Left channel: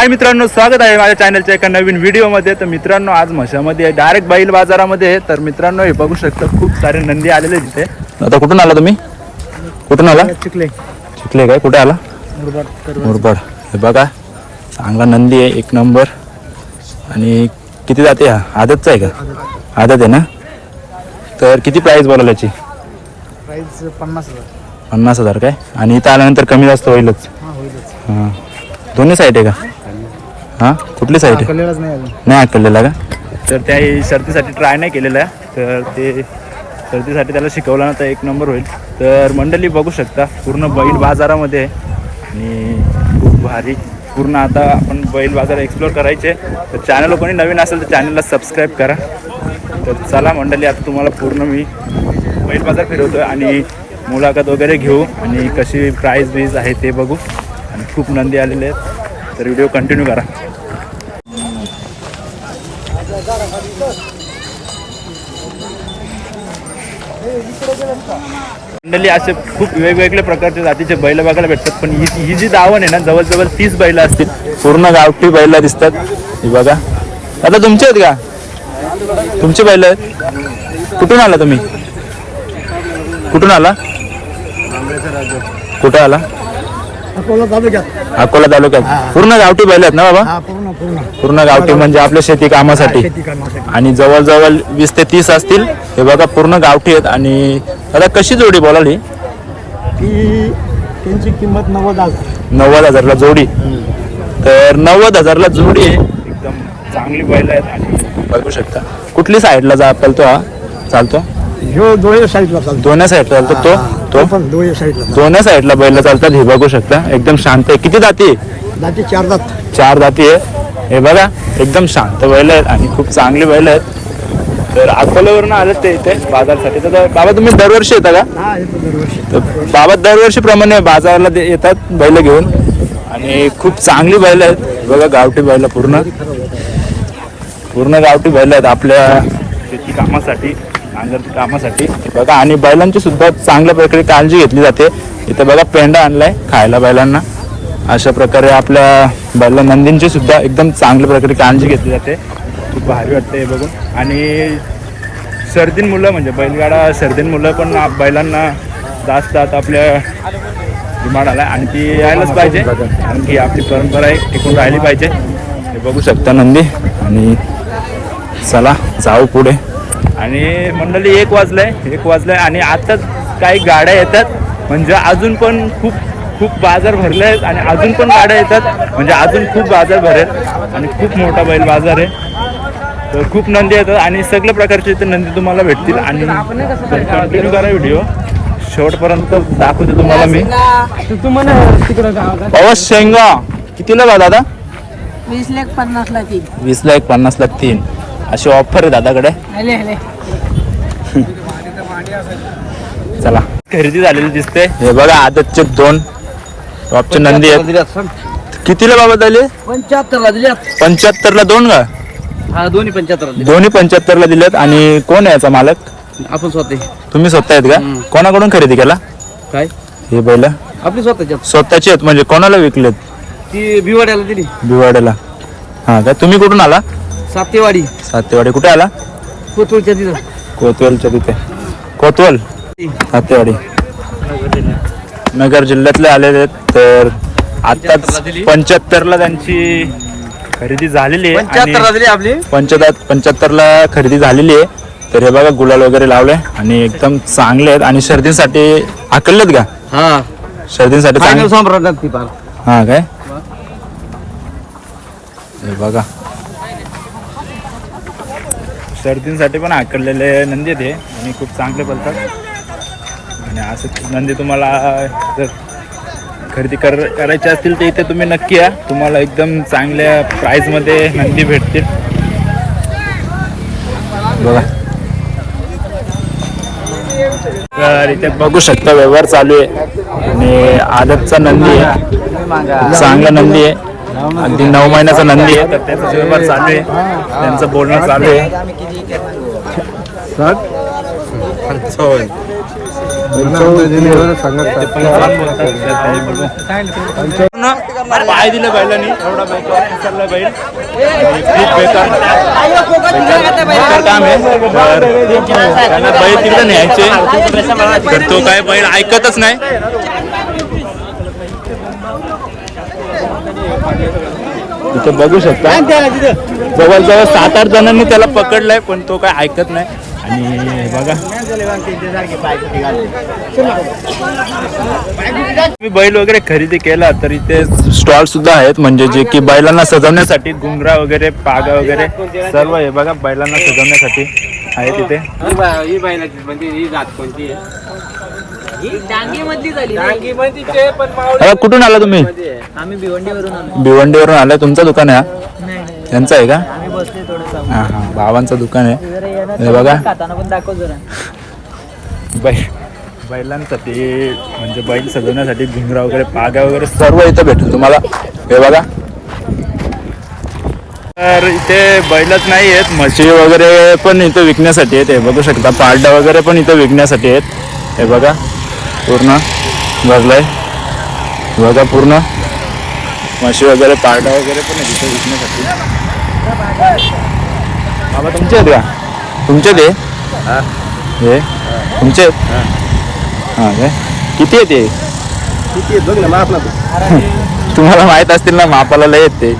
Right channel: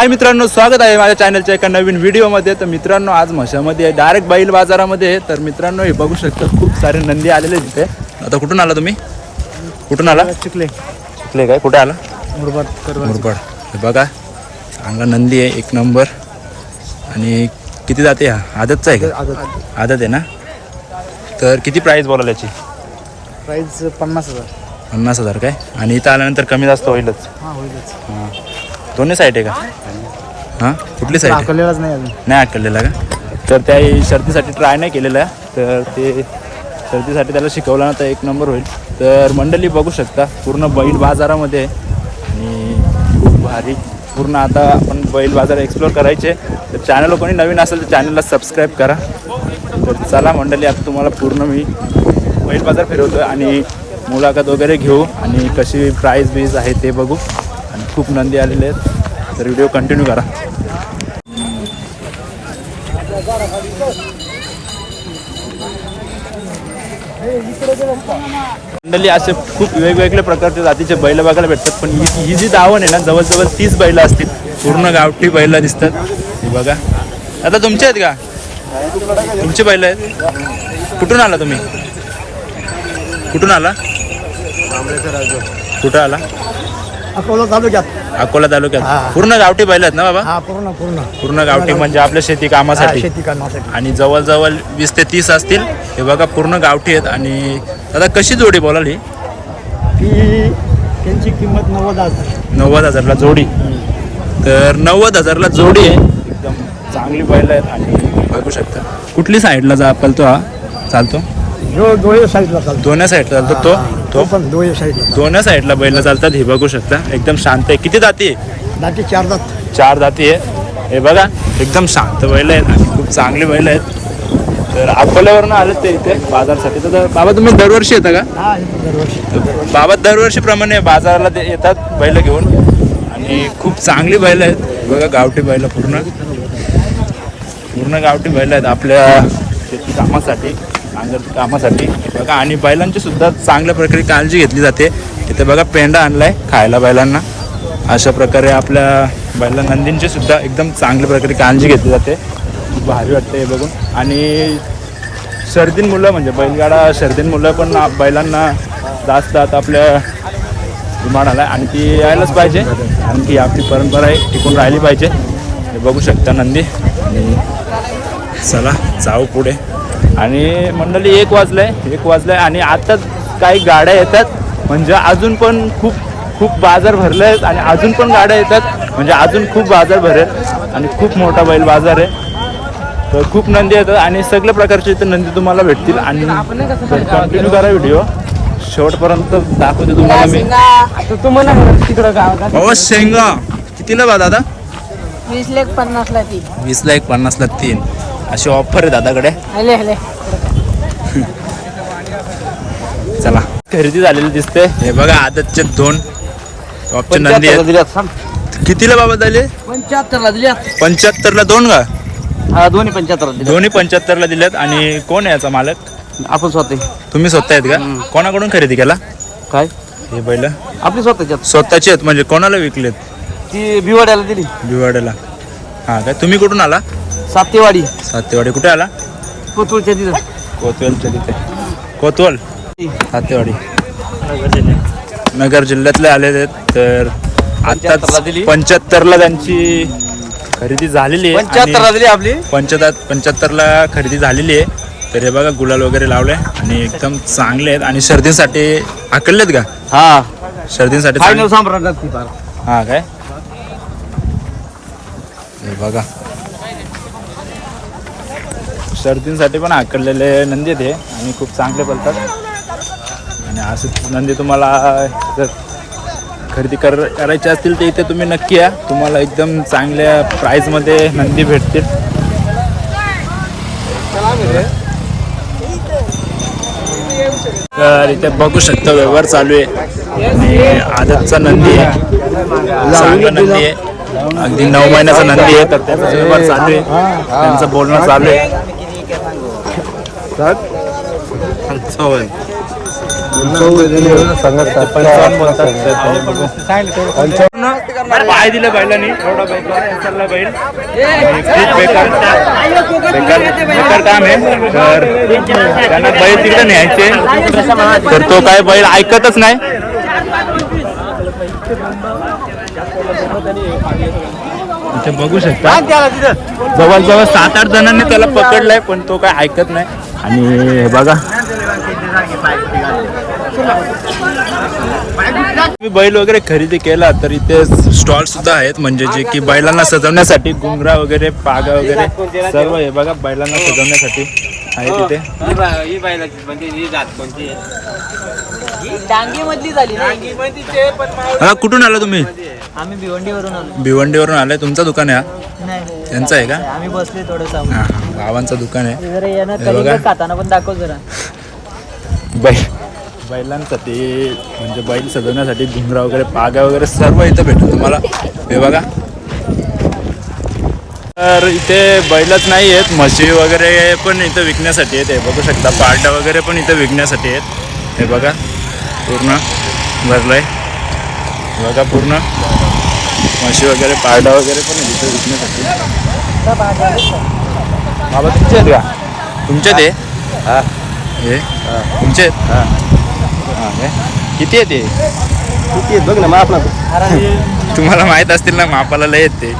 हाय मित्रांनो, स्वागत आहे माझ्या चॅनलच्या एका नवीन व्हिडिओमध्ये. तर मित्रांनो, आज म्हशामध्ये डायरेक्ट बैल बाजारामध्ये. तर मित्रांनो, हे बघू शकता खूप सारे नंदी आलेले तिथे. आता कुठून आला तुम्ही? कुठून आला? चिखले काय कुठे आला? मुरबाड. हे बघा, चांगला नंदी आहे, एक नंबर. आणि किती जाते हा? आदतचा आहे का? आदत आहे ना. तर किती प्राईस बोलायला याची? प्राइस 50,000. 50,000 काय? आणि इथं आल्यानंतर कमी जास्त होईलच. हा होईलच. दोन्ही साईड आहे का? हां, कुठली साईड आहे? कलेलाच नाही अजून. नाही ऐकलेला का? तर त्या शर्तीसाठी ट्राय नाही केलेला आहे. तर ते शर्तीसाठी त्याला शिकवलं ना तर एक नंबर होईल. तर मंडळी बघू शकता पूर्ण बैल बाजारामध्ये आहे. आणि खूप भारी पूर्ण आता आपण बैल बाजार एक्सप्लोअर करायचे. तर चॅनल कोणी नवीन असेल तर चॅनलला सबस्क्राईब करा. तर चला मंडळी, आता तुम्हाला पूर्ण मी बैल बाजार फिरवतो आणि मुलाखत वगैरे घेऊ आणि कशी प्राईस बीज आहे ते बघू. आणि खूप नंदी आलेले आहेत, तर व्हिडिओ कंटिन्यू करा. मंडळी, असे खूप वेगवेगळे प्रकारचे जातीचे बैल बघायला भेटतात. पण ही जी दावण आहे ना, जवळजवळ 30 बैल असतील. पूर्ण गावठी बैल दिसतात. हे बघा, आता तुमचे आहेत का? तुमचे बैल आहेत? कुठून आला तुम्ही? कुठून आला? कुठं आला? अकोला तालुक्यात. अकोला तालुक्यात. पूर्ण गावठी बैल आहेत ना बाबा? हा पूर्ण गावठी म्हणजे आपल्या शेती कामासाठी. शेती कामासाठी. आणि जवळजवळ 20 ते 30 असतील. हे बघा, पूर्ण गावठी आहेत. आणि आता कशी जोडी बोलाली? की त्यांची किंमत 90,000. 90,000ला जोडी. तर 90,000ला जोडी आहे. एकदम चांगली बैल आहेत. आणि बघू शकता कुठली साईडला चालतो हा? चालतो दोन्ही साईडला चालतो. दोन्ही साईडला चालतो. तो पण दोन्ही साईडला. दोन्ही साईडला बैल चालतात. हे बघू शकता एकदम शांत आहे. किती जाती? दाती 4 दात. 4 जाती आहे. हे बघा, एकदम शांत बैल आहेत आणि खूप चांगली बैल आहेत. तर अकोल्यावरून आलं ते इथे बाजारसाठी. तर बाबा, तुम्ही दरवर्षी येता का? हा येतो दरवर्षी. बाबा दरवर्षीप्रमाणे बाजाराला येतात बैल घेऊन. आणि खूप चांगली बैल आहेत. बघा, गावठी बैल पूर्ण गावठी बैल आहेत आपल्या शेती कामासाठी, नांगरती कामासाठी. बघा, आणि बैलांची सुद्धा चांगल्या प्रकारे काळजी घेतली जाते. इथे बघा, पेंडा आणलाय खायला बैलांना. अशा प्रकारे आपल्या बैला नंदींची सुद्धा एकदम चांगल्या प्रकारे काळजी घेतली जाते. खूप भारी वाटते हे बघून. आणि शर्दीन मुलं म्हणजे बैलगाडा शर्दीन मुलं पण बैलांना जास्त आता आपल्या डिमांड आला आणि ती यायलाच पाहिजे. आणि ती आपली परंपरा आहे, टिकून राहिली पाहिजे. हे बघू शकता नंदी. आणि चला जाऊ पुढे. आणि मंडळी 1 वाजलंय आणि आता काही गाड्या येतात. म्हणजे अजून पण खूप बाजार भरले आहेत. आणि अजून पण गाड्या येतात. म्हणजे अजून खूप बाजार भरेल. आणि खूप मोठा बैल बाजार आहे. तर खूप नंदी येतात आणि सगळ्या प्रकारचे इथे नंदी तुम्हाला भेटतील. आणि कंटिन्यू करा व्हिडिओ शेवटपर्यंत, दाखवते तुम्हाला मी. शेंगा कितीला बा दादा? 20,50,000 ती. 20,50,000 3. अशी ऑफर आहे दादाकडे. चला, खरेदी झालेली दिसते. हे बघा, आदतचे 2 टॉपचे नंदी आहेत. कितीला बाबा झाले? 75ला दिल्यात. 75ला 2 का? हा, दोन्ही 75ला. दोन्ही 75ला दिल्यात. आणि कोण आहे याचा मालक? आपण स्वतः. तुम्ही स्वतः आहेत का? कोणाकडून खरेदी केला काय हे बैल? आपली स्वतःच्यात. स्वतःचे आहेत म्हणजे कोणाला विकलेत? ती भिवाड्याला दिली. भिवाड्याला. हा का? तुम्ही कुठून आला? सातेवाडी. सातेवाडी. कुठे आला? कोतुळच्या तिथं. कोतवलच्या तिथे. कोतवल, सातेवाडी, नगर जिल्ह्यातले आलेले आहेत. तर आताच 75ला त्यांची खरेदी झालेली आहे. 75ला दिली आपली. 75ला खरेदी झालेली आहे. तर हे बघा, गुलाल वगैरे लावले आणि एकदम चांगले आहेत. आणि शर्दीसाठी आकललेत का? हा, शर्दीसाठी फायनल सम्राट ती पार. हा काय? हे बघा, शर्दींसाठी पण आकडलेले नंदी ते आणि खूप चांगले बोलतात. आणि असे नंदी तुम्हाला जर खरेदी करायचे असतील तर इथे तुम्ही नक्की या. तुम्हाला एकदम चांगल्या प्राईजमध्ये नंदी भेटतील. बघा, तर इथे बघू शकता व्यवहार चालू आहे. आणि आदतचा नंदी आहे, चांगला नंदी आहे. अगदी 9 महिन्याचा नंदी आहे. तर त्याचा व्यवहार चालू आहे, त्यांचं बोलणं चालू आहे. 55 बोलतात तर ते बघू. पूर्ण पाय दिले बैलांनी, एवढा बेकार चालला बैल आणि खूप बेकार बेकार काम आहे. तर त्यांना बैल तिकडे न्यायचे तर तो काय बैल ऐकतच नाही. इथे बघू शकता जवळजवळ 7-8 जणांनी त्याला पकडलाय पण तो काय ऐकत नाही. आणि हे बघा मी बैल वगैरे खरेदी केला तर इथे स्टॉल सुद्धा आहेत, म्हणजे जे की बैलांना सजवण्यासाठी घुंगरा वगैरे पागा वगैरे सर्व हे बघा बैलांना सजवण्यासाठी आहे तिथे. ही बैलाची म्हणजे ही जात कोणती आहे? हा, कुठून आला तुम्ही? आम्ही भिवंडीवरून आलो. भिवंडीवरून आलाय. तुमचं दुकान आहे हा? नाही यांचं आहे का? आम्ही बसले थोडंसं. हा हा, भावांचं दुकान आहे. जरा हे येणं बघा. खाताना पण दाखव जरा. बैलांसाठी म्हणजे बैल सजवण्यासाठी घुंगरा वगैरे पागा वगैरे सर्व इथं भेटेल तुम्हाला. हे बघा तर इथे बैलच नाही आहेत, म्हशी वगैरे पण इथं विकण्यासाठी आहेत. हे बघू शकता पारडा वगैरे पण इथं विकण्यासाठी आहेत. हे बघा पूर्ण भरलाय. हे बघा पूर्ण म्हशी वगैरे पारडा वगैरे पण आहे इथं विकण्यासाठी. बाबा तुमचे आहेत का? तुमचे ते हे तुमचे हां काय किती आहे ते? किती आहेत बघ ना, माफ ना. तुम्हाला माहित असतील ना मापाला लय आहेत ते.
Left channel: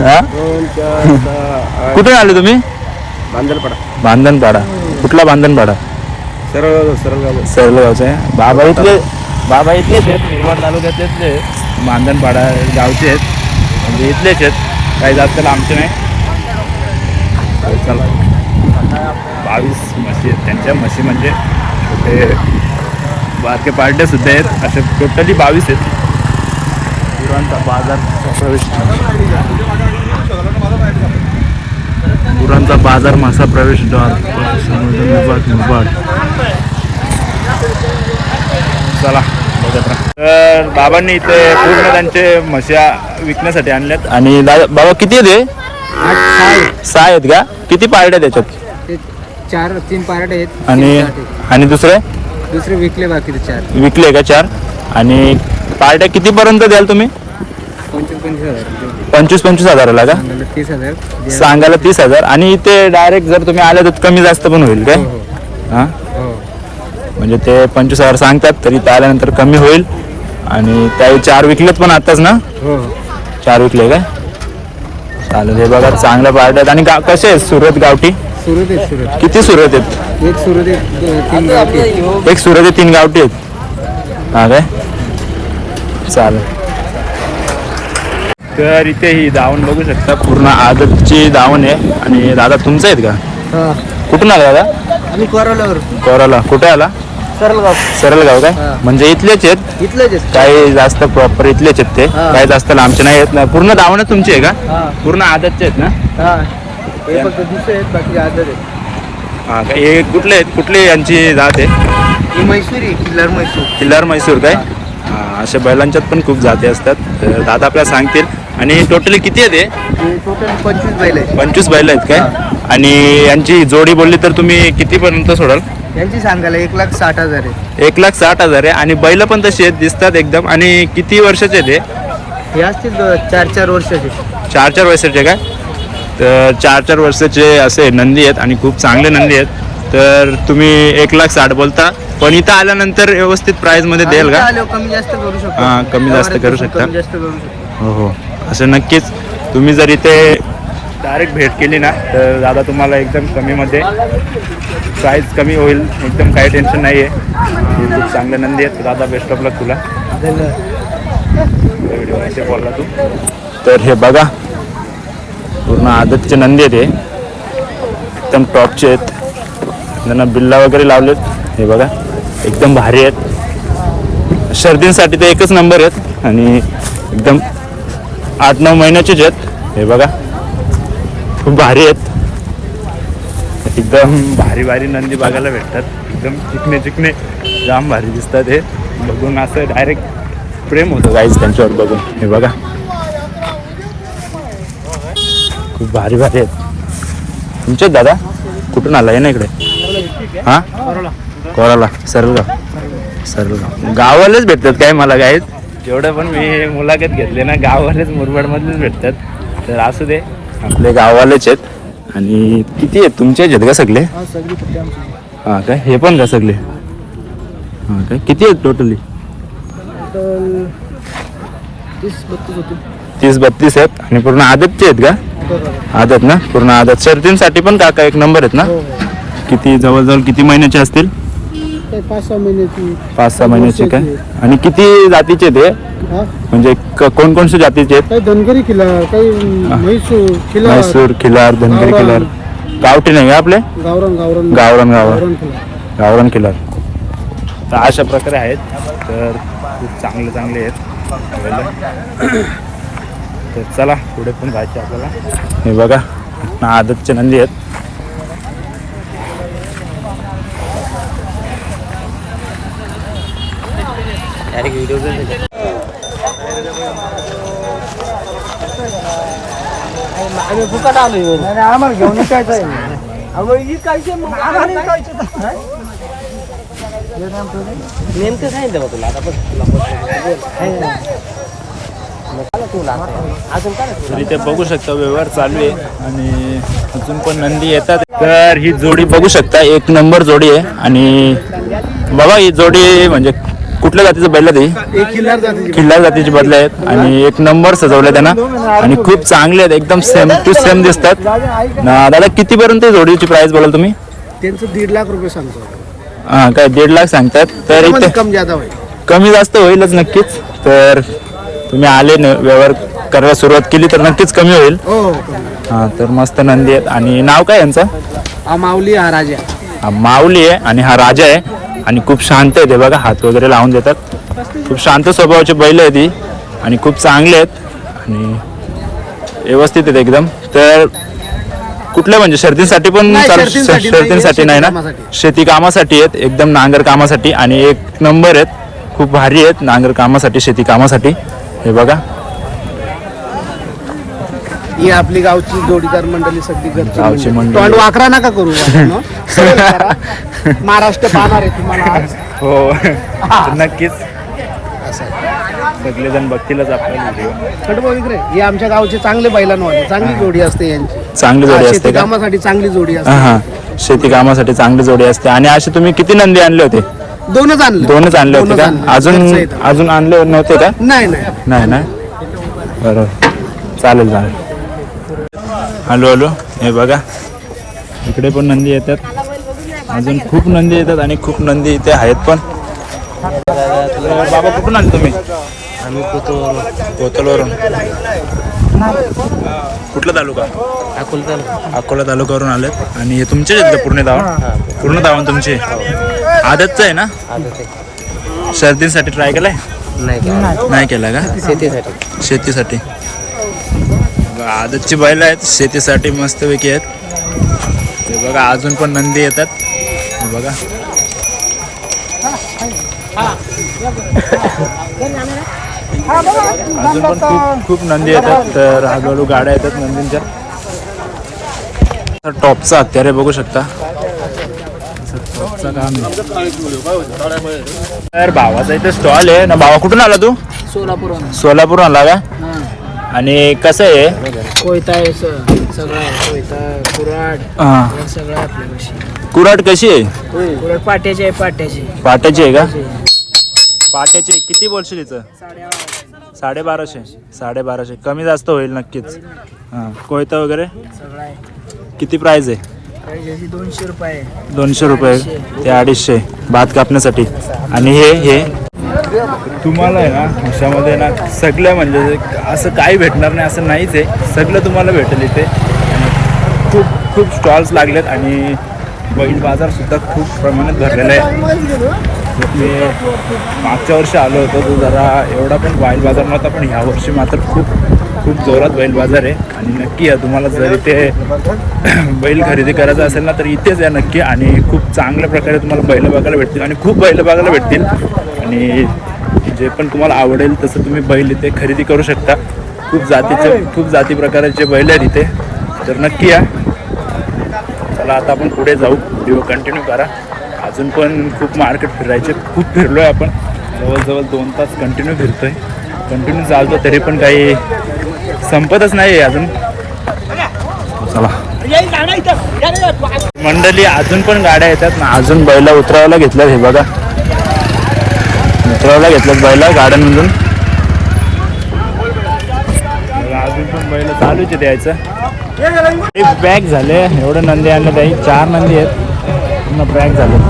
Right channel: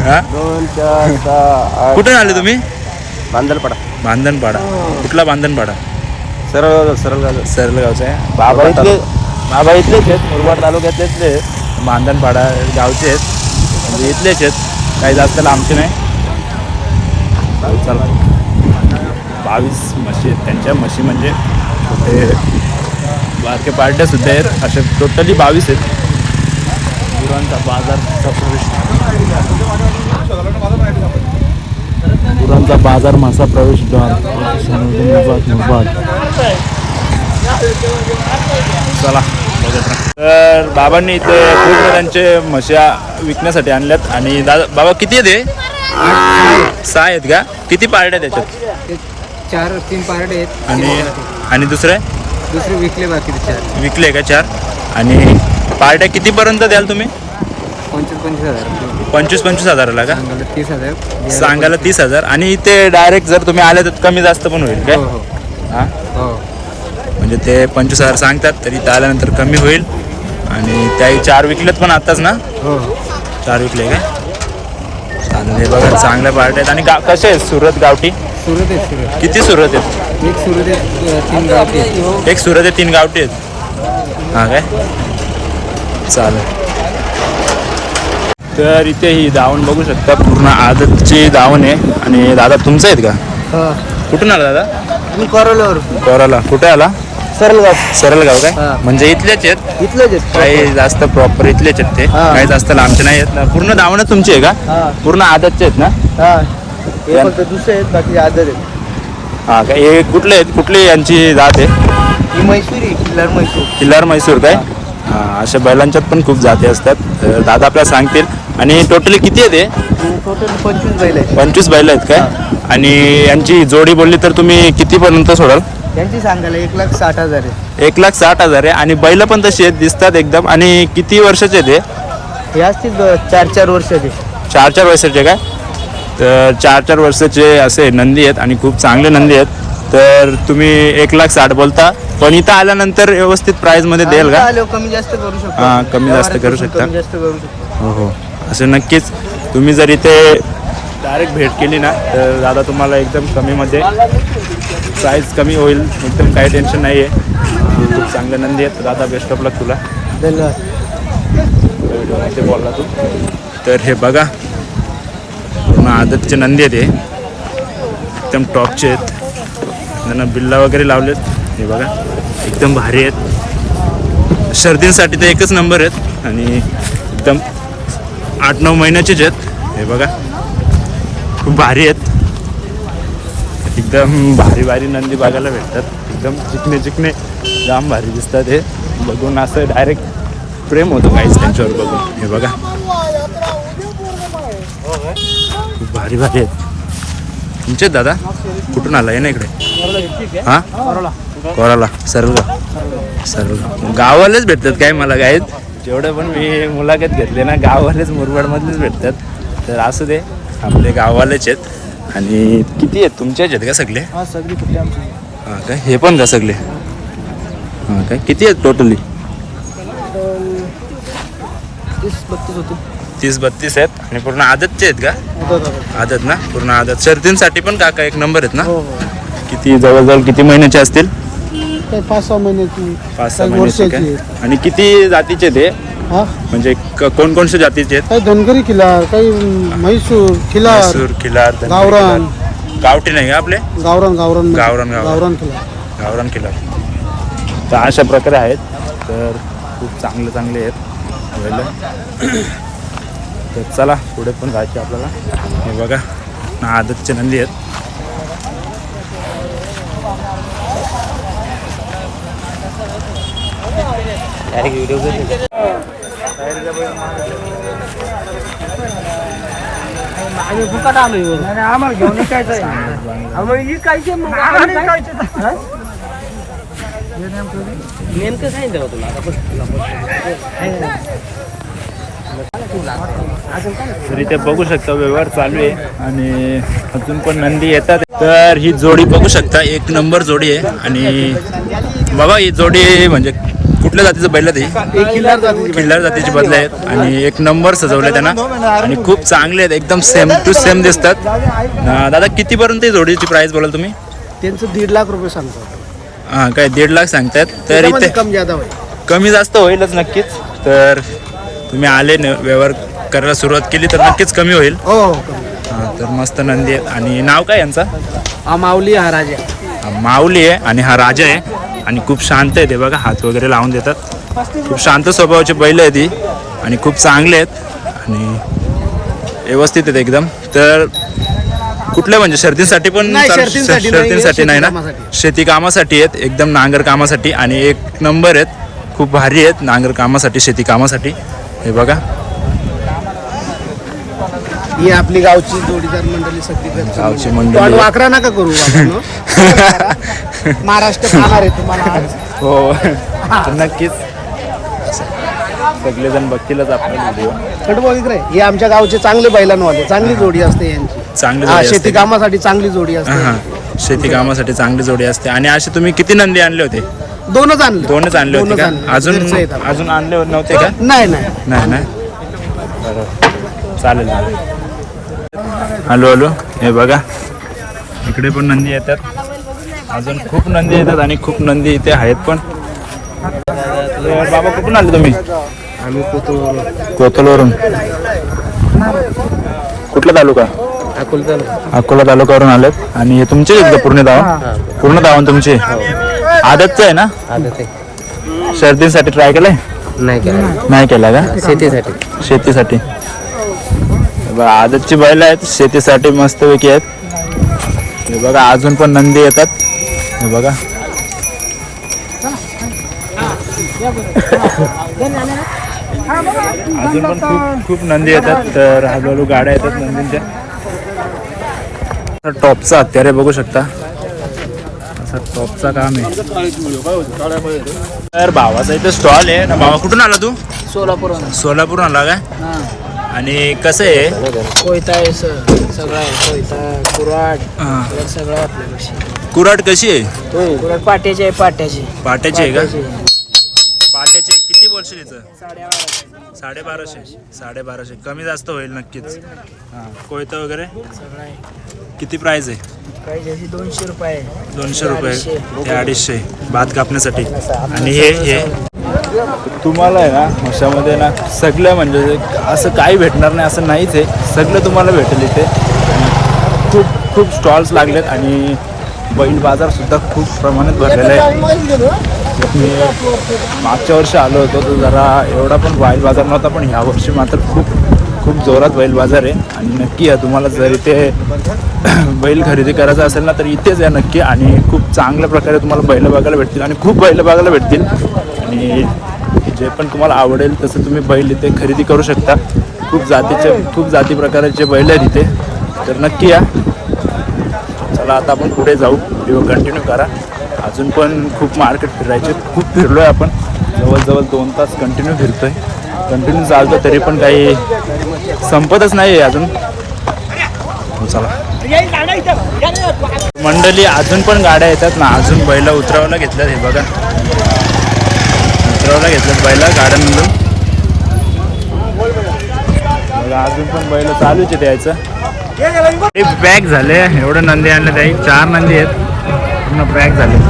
हा 2, 4, 6, 8. कुठून आले तुम्ही? बांधलपाडा. बांधणपाडा. कुठला बांधणपाडा? सरळ सरळ सरळगावचे. बाबा इथलेच आहेत, मुरबाड तालुक्यातलेच आहेत. बांधणपाडा गावचे आहेत, म्हणजे इथलेच आहेत, काही जास्त लांबचे नाही. चला 22 म्हशी आहेत त्यांच्या. म्हशी म्हणजे छोटे बारके पार्ट्या सुद्धा आहेत, असे टोटली 22 आहेत. गुरांचा बाजार प्रवेश, गुरांचा बाजार मासा प्रवेशद्वार संवर्धन विभाग मुरबाड. चला बघत राहा. तर बाबांनी इथे पूर्ण त्यांचे म्हशा विकण्यासाठी आणल्यात. आणि बाबा किती आहे ते? 6 आहेत का? किती पार्ट्या त्याच्यात? 4-3 पार्ट आहेत आणि दुसरे विकले, बाकी 4. विकले का 4? आणि पार्ट्या कितीपर्यंत द्याल तुम्ही? 25,000. 25 हजाराला का? 30,000. सांगायला 30,000. आणि इथे डायरेक्ट जर तुम्ही आले तर कमी जास्त पण होईल काय? हां म्हणजे ते 25,000 सांगतात तरी ते आल्यानंतर कमी होईल. आणि त्याही 4 विकलेत पण आताच ना? 4 विकले का? चालेल. हे बघा चांगल्या पार्ट्या आहेत. आणि कसे आहेत सुरत गावठी? सुरत आहेत. किती सुरत आहेत? एक सुरत आहेत, 3 गावठी आहेत. एक सुरत आहे, 3 गावठी आहेत. हा काय? चालेल. तर इथे ही दावण बघू शकता, पूर्ण आदतची दावण आहे. आणि दादा तुमचं आहेत का? कुठून आला दादा? आम्ही कोरोलावर. कोराला. कुठे आला? सरळगाव. सरळगाव काय? हा. म्हणजे इथलेच आहेत? इथलेच आहेत. काही जास्त प्रॉपर इथलेच आहेत ते? हा. काही जास्त लांबचे नाही आहेत ना? पूर्ण दावण तुमची आहे का? पूर्ण आदतचे आहेत ना? हे फक्त दुसरे आहेत, बाकी आदर आहेत. हा काय? हे कुठले आहेत? कुठली यांची जात आहे? ही म्हैसूर, किल्लार म्हैसूर. किल्लार म्हैसूर काय? हा, अशा बैलांच्यात पण खूप जाती असतात. तर दादा आपल्याला सांगतील. आणि टोटली किती आहे ते? टोटल 25 बैल आहेत. 25 बैल आहेत काय? आणि यांची जोडी बोलली तर तुम्ही कितीपर्यंत सोडाल? त्यांची सांगायला 1,60,000 आहे. 1,60,000 आहे. आणि बैल पण तशी आहेत, दिसतात एकदम. आणि किती वर्षाचे ते? हे असतील 4-4 वर्षाचे. 4-4 वर्षाचे काय? तर 4-4 वर्षाचे असे नंदी आहेत आणि खूप चांगले नंदी आहेत. तर तुम्ही 1,60,000 बोलता, पण इथं आल्यानंतर व्यवस्थित प्राईजमध्ये देईल का? कमी जास्त करू शकतो. हां, कमी जास्त करू शकता. कमी जास्त करू शकतो. हो हो, असं नक्कीच. तुम्ही जर इथे डायरेक्ट भेट केली ना तर दादा तुम्हाला एकदम कमीमध्ये प्राईस कमी होईल. एकदम काही टेन्शन नाही आहे. हे खूप चांगले नंदी आहेत. दादा बेस्ट ऑफ लक तुला. व्हिडिओमध्ये बोलला तू. तर हे बघा पूर्ण आदतचे नंदी आहेत. हे एकदम टॉपचे आहेत. त्यांना बिल्ला वगैरे लावलेत. हे बघा एकदम भारी आहेत. शर्दींसाठी तर एकच नंबर आहेत. आणि एकदम 8-9 महिन्याचेच आहेत. हे बघा खूप भारी आहेत. एकदम भारी भारी नंदी बघायला भेटतात. एकदम चिकणे चिकणे जाम भारी दिसतात. हे बघून असं डायरेक्ट प्रेम होतं गाईज त्यांच्यावर बघून. हे बघा खूप भारी भारी आहेत. तुमचेच दादा? कुठून आला आहे ना इकडे? हां कोराला सर्व गावालाच भेटतात काय मला काय जेवढं पण मी मुलाखत घेतले ना गावालेच मुरबाडमधलेच भेटतात तर असू दे आपले गावालेच आहेत आणि किती आहेत तुमचेच आहेत का सगळे हा सगळी कुठली आमची हां काय हे पण का सगळे हां काय किती आहेत टोटली 30-32 होते 30-32 आहेत आणि पूर्ण आदतचे आहेत का आदत ना पूर्ण आदत शर्तींसाठी पण काका एक नंबर आहेत ना हो किती जवळजवळ किती महिन्याचे असतील 5-6 महिन्याची 5-6 महिन्याचे काय आणि किती जातीचे ते हा म्हणजे कोणकोणत्या जातीचे आहेत काही धनगरी खिलार काही म्हैसूर खिलार म्हैसूर खिलार धनगर गावरान. खिलार गावठी नाही का आपले गावरान गावरान गावरान गावरान खिलार गावरान खिलार तर अशा प्रकारे आहेत तर खूप चांगले आहेत बैल. तर चला पुढे पण जायचे आपल्याला हे बघा आदतचे नंदी आहेत तर इथे बघू शकता व्यवहार चालू आहे आणि अजून पण नंदी येतात तर ही जोडी बघू शकता एक नंबर जोडी आहे आणि बाबा ही जोडी म्हणजे कुठल्या जातीचं बैल आहे ती एक खिल्लार जातीची खिल्लार जातीची बदले आहेत आणि एक नंबर सजवले त्यांना आणि खूप चांगले आहेत एकदम सेम टू सेम दिसतात दादा कितीपर्यंत जोडीची प्राइस बोलाल तुम्ही त्यांचं 1.5 लाख रुपये सांगतो हां काय 1.5 लाख सांगतात तर इथे कम ज्यादा होईल कमी जास्त होईलच नक्कीच तर तुम्ही आले व्यवहार करायला सुरुवात केली तर नक्कीच कमी होईल हो कमी हां तर मस्त नंदी आहेत आणि नाव काय यांचं हा माऊली हा राजा हा माऊली आहे आणि हा राजा आहे आणि खूप शांत आहे ते बघा हात वगैरे लावून देतात खूप शांत स्वभावाचे बैल आहे ती आणि खूप चांगले आहेत आणि व्यवस्थित आहेत एकदम तर कुठल्या म्हणजे शर्तींसाठी पण नाही, शर्तींसाठी नाही, शर्तींसाठी नाही ना शेती कामासाठी. शेती कामासाठी आहेत एकदम नांगर कामासाठी आणि एक नंबर आहेत खूप भारी आहेत नांगर कामासाठी शेती कामासाठी हे बघा ही आपली गावची जोडीदार मंडळी सगळी गावची मंडळी. पण वाकरा नका करू वाकरांनो. महाराष्ट्र पाहणार आहे तुम्हाला आज. हो तर नक्कीच सगळेजण बघतीलच आपला व्हिडिओ खडबड इकडे. हे आमच्या गावचे चांगले बैलांवाले चांगली जोडी असते यांची चांगली जोडी असते शेती का कामासाठी चांगली जोडी असते हां शेती कामासाठी चांगली जोडी असते आणि असे तुम्ही किती नंदी आणले होते दोनच आणले दोनच आणले होते का अजून घरचे आहेत आपले. अजून आणले नव्हते का नाही नाही नाही ना बरोबर चालेल चालेल हॅलो हे बघा इकडे पण नंदी येतात अजून खूप नंदी येतात आणि खूप नंदी इथे आहेत पण तर बाबा कुठून आले तुम्ही आम्ही कोथलवरून कुठला तालुका अकोला तालुक्यावरून आलेत आणि हे तुमचेच आहेत का पूर्ण धावण तुमचे आदतचं आहे ना शर्तींसाठी ट्राय केलंय नाही केला का शेतीसाठी आदतची बैल आहेत शेतीसाठी मस्तपैकी आहेत हे बघा अजून पण नंदी येतात हे बघा अजून पण खूप खूप नंदी येतात तर हळूहळू गाड्या येतात नंदींच्या टॉपचा हत्यारे बघू शकता असं टॉपचा काम आहे तर भावाचा इथे स्टॉल आहे ना भावा कुठून आला तू सोलापूर आला का आणि कसं आहे कोयता आहे सगळं आहे कोयता कुराड हा सगळं आपल्यापाशी कुराड कशी आहे कुराड पाट्याची आहे पाट्याची आहे का पाट्याची किती बोलशील तिचं 1250 कमी जास्त होईल नक्कीच हां कोयता वगैरे सगळं आहे किती प्राइस आहे प्राइस अशी 200 रुपये 200 रुपये ते 250 भात कापण्यासाठी आणि हे तुम्हाला आहे ना म्हशामध्ये ना सगळं म्हणजे असं काही भेटणार नाही असं नाहीच आहे सगळं तुम्हाला भेटेल इथे आणि खूप खूप स्टॉल्स लागलेत आणि बैल बाजारसुद्धा खूप प्रमाणात भरलेला आहे मी मागच्या वर्षी आलो होतो तो जरा एवढा पण बैल बाजार नव्हता पण ह्या वर्षी मात्र खूप जोरात बैल बाजार आहे आणि नक्की या तुम्हाला जर इथे बैल खरेदी करायचं असेल ना तर इथेच या नक्की आणि खूप चांगल्या प्रकारे तुम्हाला बैल बघायला भेटतील आणि खूप बैल बघायला भेटतील आणि जे पण तुम्हाला आवडेल तसं तुम्ही बैल इथे खरेदी करू शकता खूप जाती प्रकारचे बैल आहेत इथे तर नक्की या चला आता आपण पुढे जाऊ व्हिडिओ कंटिन्यू करा अजून पण खूप मार्केट फिरायचे, खूप फिरलोय आपण, जवळजवळ 2 तास कंटिन्यू फिरतोय, कंटिन्यू चालतो, तरी पण काही संपतच नाही अजून. चला मंडळी, अजून पण गाड्या येतात ना, अजून बैला उतरावायला घेतल्यात. हे बघा, उतरावायला घेतल्यात बैला गाड्यांमधून. बघा अजून पण बैल चालूच आहे द्यायचं. एक पॅक झाले, एवढं नंदी आणलं त्याही, 4 नंदी आहेत, पूर्ण पॅक झाले.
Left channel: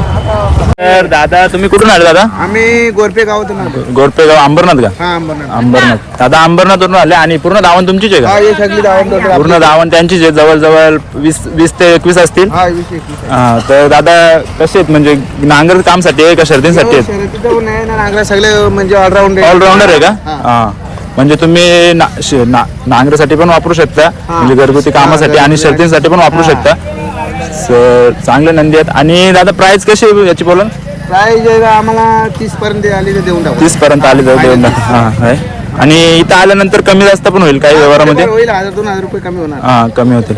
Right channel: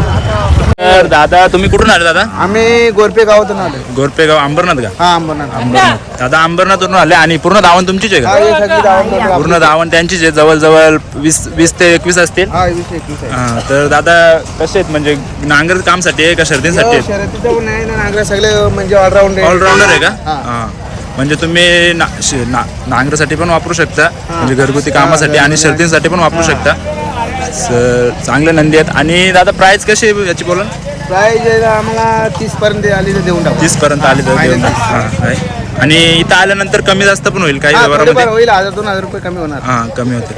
तर दादा तुम्ही कुठून आले दादा? आम्ही गोरपे गावातून आलो. गोरपेगाव अंबरनाथ का? हा अंबरनाथ. अंबरनाथ. दादा अंबरनाथवरून आले आणि पूर्ण दावण तुमचीच आहे हा, का? हे सगळी गावात. पूर्ण दावण त्यांचीच आहे, जवळजवळ 20 ते 21 असतील. हा 20-21 आहे. हा, तर दादा कसे आहेत, म्हणजे नांगर कामसाठी आहे का शर्दींसाठी हो, आहेत? शर्यतीचं पण आहे ना, नांगरा सगळे म्हणजे ऑलराऊंड ऑलराऊंडर आहे का? हा. हा, म्हणजे तुम्ही नांगरासाठी पण वापरू शकता, म्हणजे घरगुती कामासाठी आणि शर्दींसाठी पण वापरू शकता. चांगले नंदी आहेत. आणि दादा प्राइस कशी आहे याची बोला? प्राइस आम्हाला 30 पर्यंत आली तर देऊन टाकू. 30 पर्यंत आली तर देऊन टाका. हा, काय? आणि इथं आल्यानंतर कमी जास्त पण होईल काही व्यवहारामध्ये? होईल, 1000-2000 रुपये कमी होणार. हा, कमी होतील.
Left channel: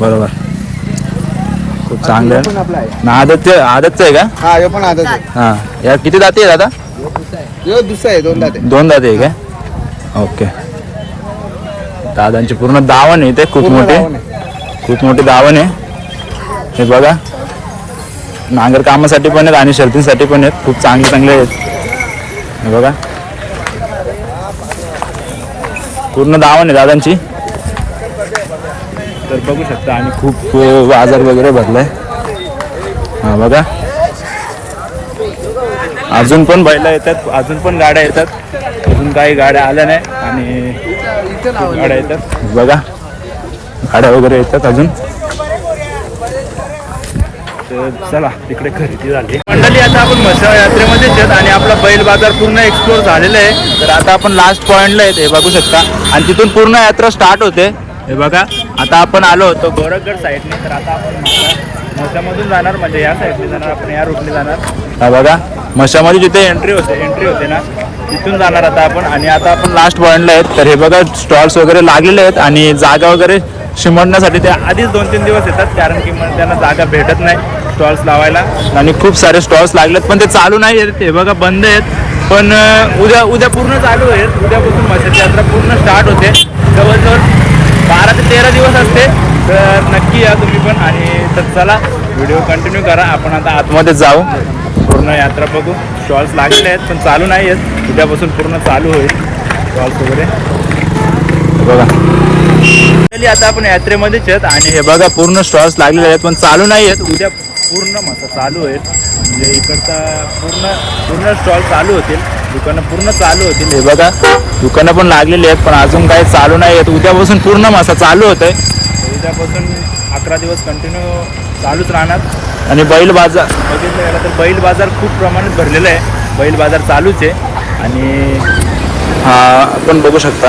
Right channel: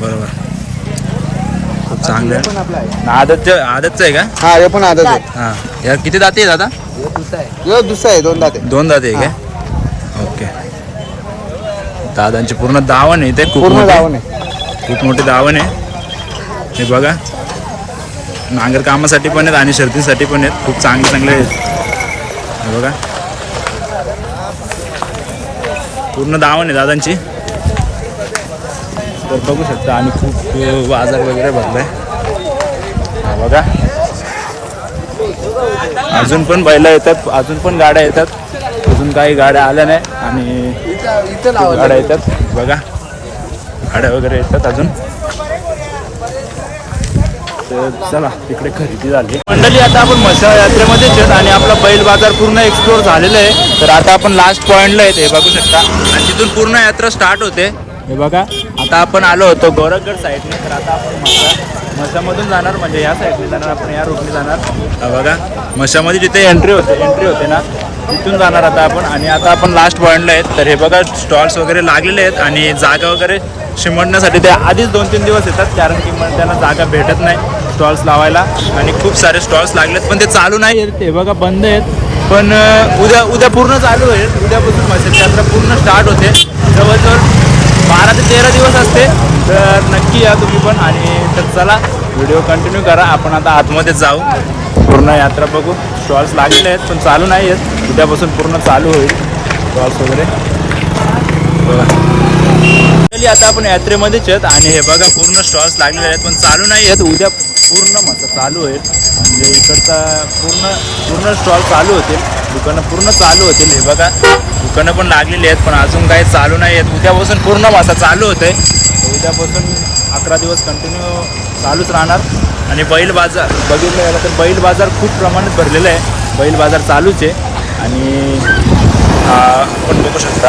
बरोबर, खूप चांगलं आहे. आदतचं आहे का? हा, हे पण आदत आहे. हा, या किती दाती आहे दादा? हे दुसरं आहे, 2 दात आहे. 2 दाती आहे का? ओके. दादांची पूर्ण दावण आहे, ते खूप पूर्ण मोठे, दावण आहे. खूप मोठी दावण आहे. हे बघा, नांगर कामासाठी पण आहेत आणि शर्तीसाठी पण आहेत, खूप चांगले आहेत. हे बघा, पूर्ण दावण आहे दादांची. तर बघू शकता. आणि खूप बाजार वगैरे भरलाय. हे बघा, अजून पण बैल येतात, अजून पण गाड्या येतात, अजून काही गाड्या आल्या नाही आणि खूप गाड्या येतात. बघा, गाड्या वगैरे येतात अजून. तर चला, तिकडे खरेदी झाली मंडळी. आता आपण म्हसळ यात्रेमध्येच आहेत आणि आपला बैल बाजार पूर्ण एक्सप्लोर झालेला आहे. तर आता आपण लास्ट पॉईंटला आहेत, हे बघू शकता, आणि तिथून पूर्ण यात्रा स्टार्ट होते. हे बघा, आता आपण आलो होतो गोरखगड साईडने, तर आता आपण म्हसामधून जाणार, म्हणजे या साईडने जाणार, आपण या रूटने जाणार. हा बघा, म्हसामध्ये जिथे एंट्री होते ना, तिथून जाणार आता आपण. आणि आता आपण लास्ट पॉईंटला आहेत. तर हे बघा, स्टॉल्स वगैरे लागलेले आहेत आणि जागा वगैरे शिमडण्यासाठी ते आधीच 2-3 दिवस येतात, कारण की मग त्यांना जागा भेटत नाही स्टॉल्स लावायला. आणि खूप सारे स्टॉल्स लागलेत, पण ते चालू नाही आहेत, हे बघा बंद आहेत. पण उद्या पूर्ण चालू आहेत. उद्यापासून म्हशीची यात्रा पूर्ण स्टार्ट होते, जवळजवळ 12 ते 13 दिवस असते. तर नक्की या तुम्ही पण. आणि तर चला, व्हिडिओ कंटिन्यू करा. आपण आता आतमध्ये जाऊ, पूर्ण यात्रा बघू. स्टॉल्स लागलेले आहेत पण चालू नाही आहेत, उद्यापासून पूर्ण चालू होईल स्टॉल्स वगैरे. बघा, आता आपण यात्रेमध्येच आहेत आणि हे बघा, पूर्ण स्टॉल्स लागलेले आहेत पण चालू नाही आहेत. उद्या पूर्ण मसा चालू होईल, म्हणजे इकडचा पूर्ण स्टॉल चालू होतील, दुकानं पूर्ण चालू होतील. हे बघा, दुकानं पण लागलेली आहेत पण अजून काही चालू नाही आहेत. उद्यापासून पूर्ण मसा चालू होत आहे. उद्यापासून 11 दिवस कंटिन्यू चालूच राहणार. आणि बैल बाजार बघितलं गेलं तर बैल बाजार खूप प्रमाणात भरलेला आहे, बैल बाजार चालूच आहे. आणि हा आपण बघू शकता,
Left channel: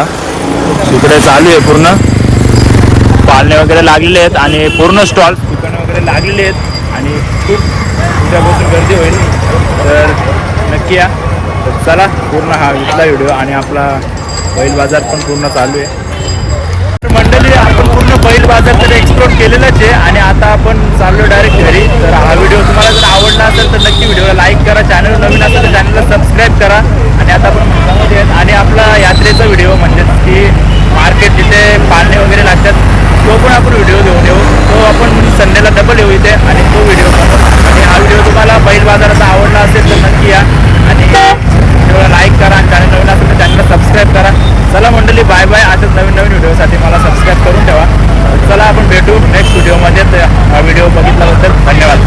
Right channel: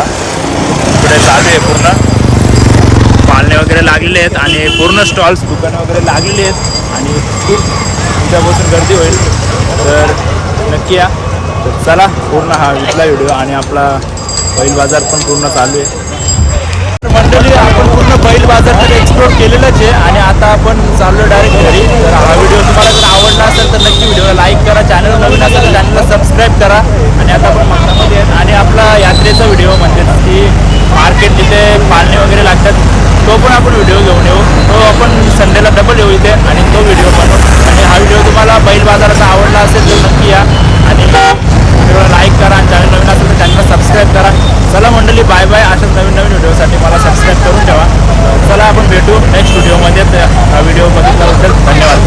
तिकडे चालू आहे, पूर्ण पाळणे वगैरे लागलेले आहेत आणि पूर्ण स्टॉल्स दुकानं वगैरे लागलेली आहेत आणि खूप उद्यापासून गर्दी होईल. तर नक्की या. तर चला, पूर्ण हा इथला व्हिडिओ आणि आपला बैल बाजार पण पूर्ण चालू आहे. तर मंडळी, आपण पूर्ण बैल बाजार तर एक्सप्लोर केलेलंच आहे आणि आता आपण चाललो डायरेक्ट घरी. तर हा व्हिडिओ तुम्हाला जर आवडला असेल तर नक्की व्हिडिओला लाईक करा, चॅनल नवीन असेल तर चॅनलला सबस्क्राईब करा. आणि आता आपण म्हसामध्ये आहेत आणि आपला यात्रेचा व्हिडिओ म्हणजे की मार्केट जिथे पाळणे वगैरे लागतात तो पण आपण व्हिडिओ घेऊन येऊ. तो आपण संडेला डबल येऊ इथे आणि तो व्हिडिओ बनवू. आणि हा व्हिडिओ तुम्हाला बैल बाजाराचा आवडला असेल तर नक्की या आणि व्हिडिओला लाईक करा आणि चॅनल नवीन असेल तर चॅनलला सबस्क्राईब करा. चला मंडळी, बाय बाय. अशाच नवीन व्हिडिओसाठी मला सबस्क्राईब करून ठेवा. चला, आपण भेटू नेक्स्ट व्हिडिओमध्ये. हा व्हिडिओ बघितल्याबद्दल धन्यवाद.